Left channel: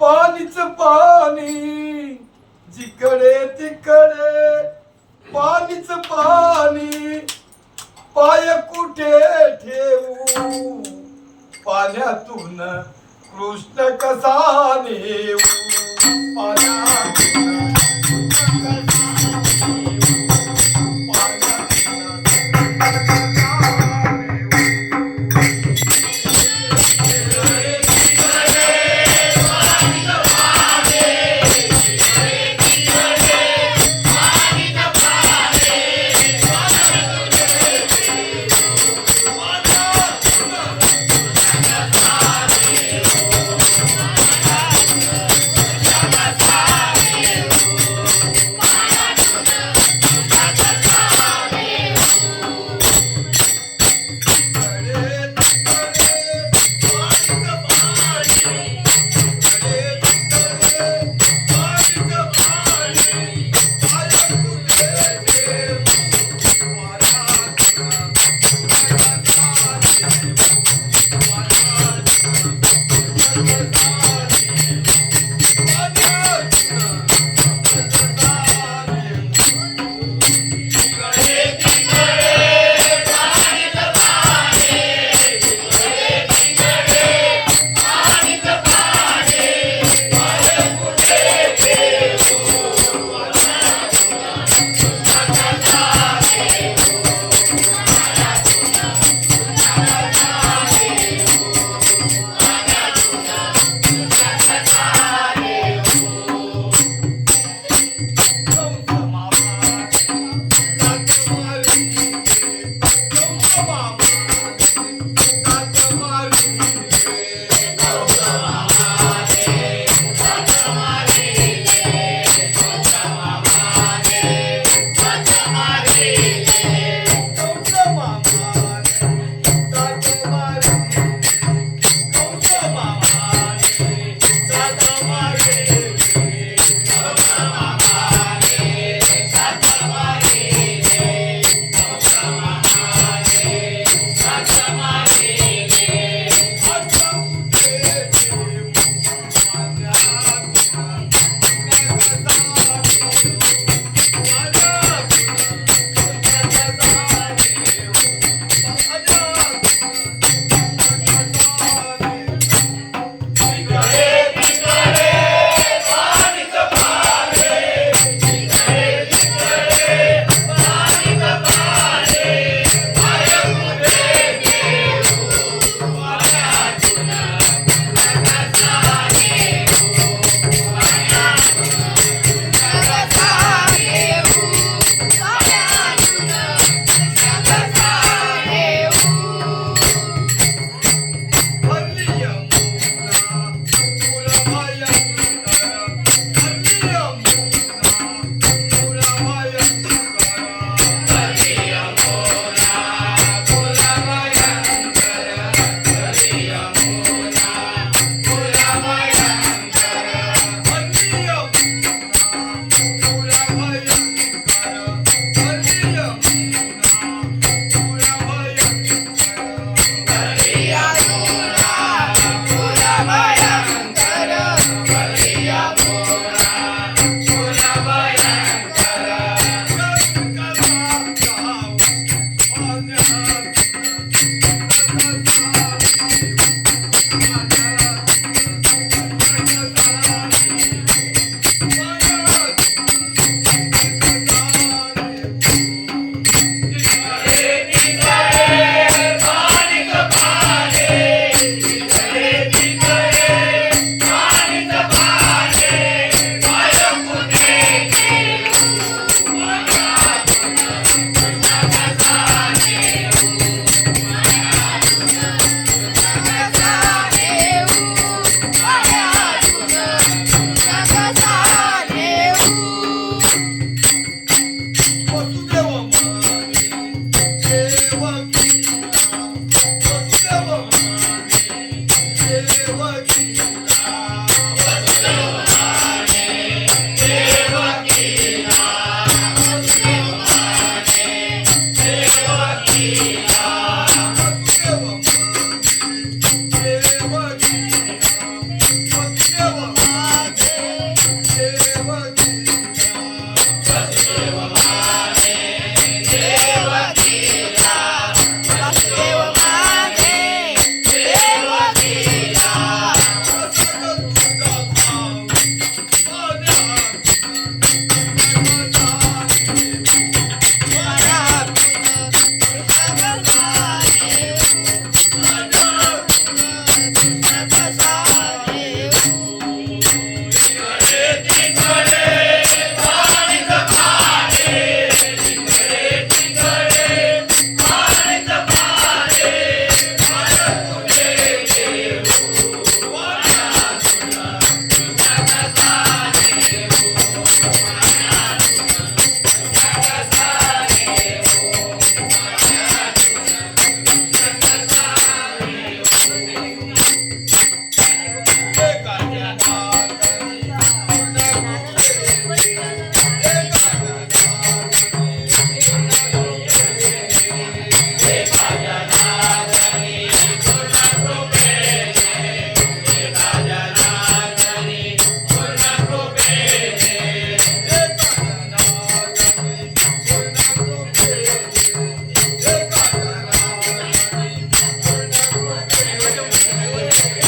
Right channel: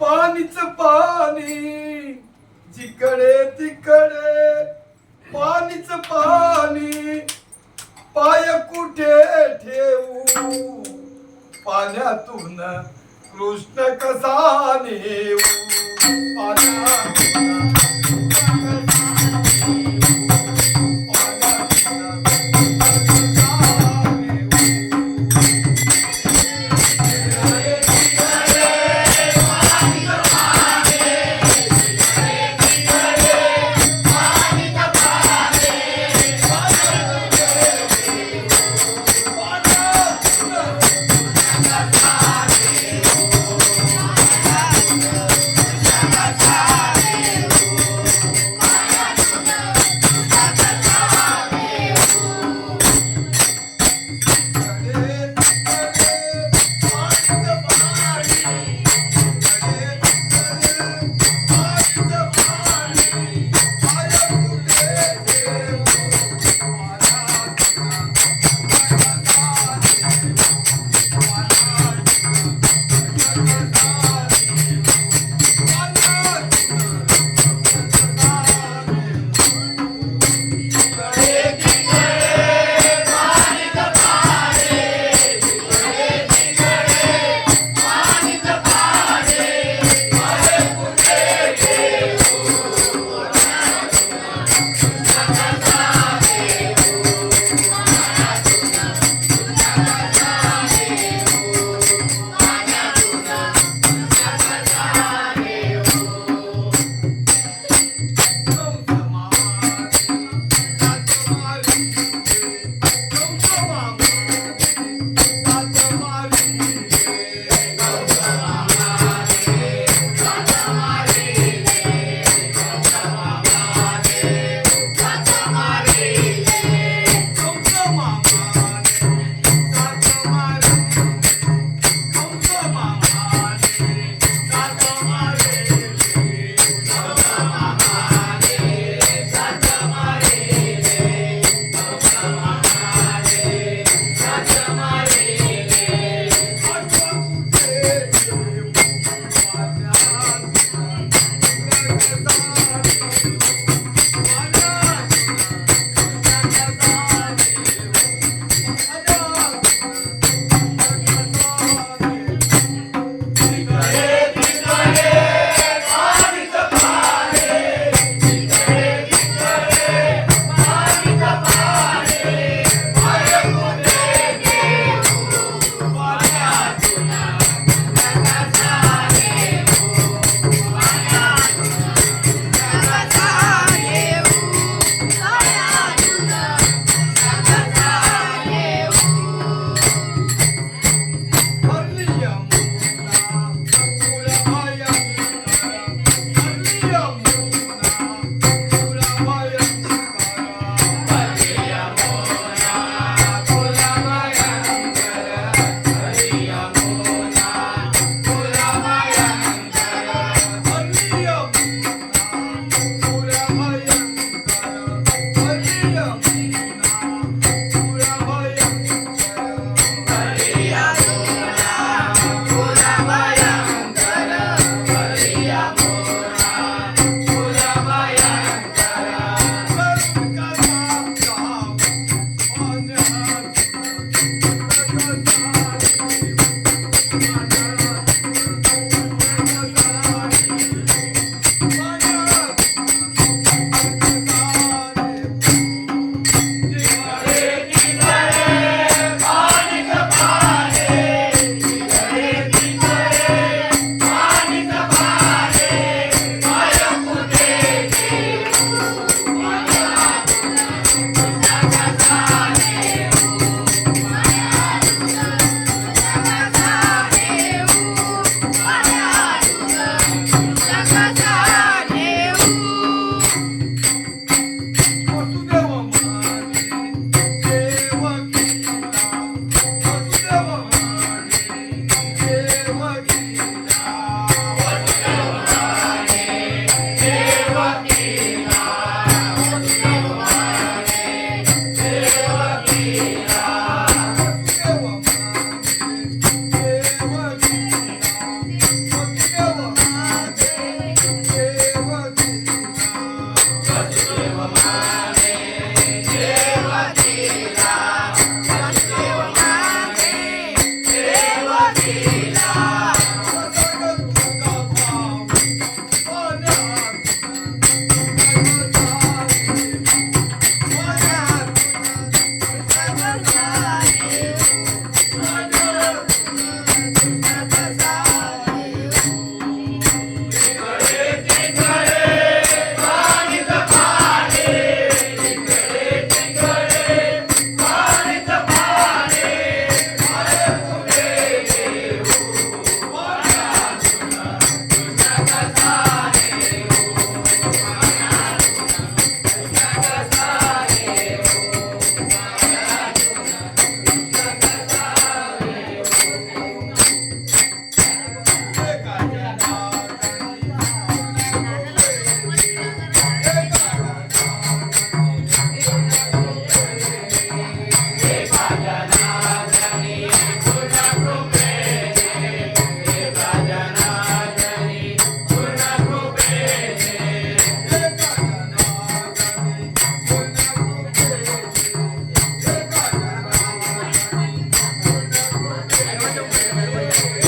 पाणीच पाणी जिकडे तिकडे पाणीच पाणी पाय कुठे ठेवू? पाण्यातून कृष्ण कसा नेऊ? पाण्या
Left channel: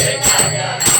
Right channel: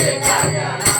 Chega,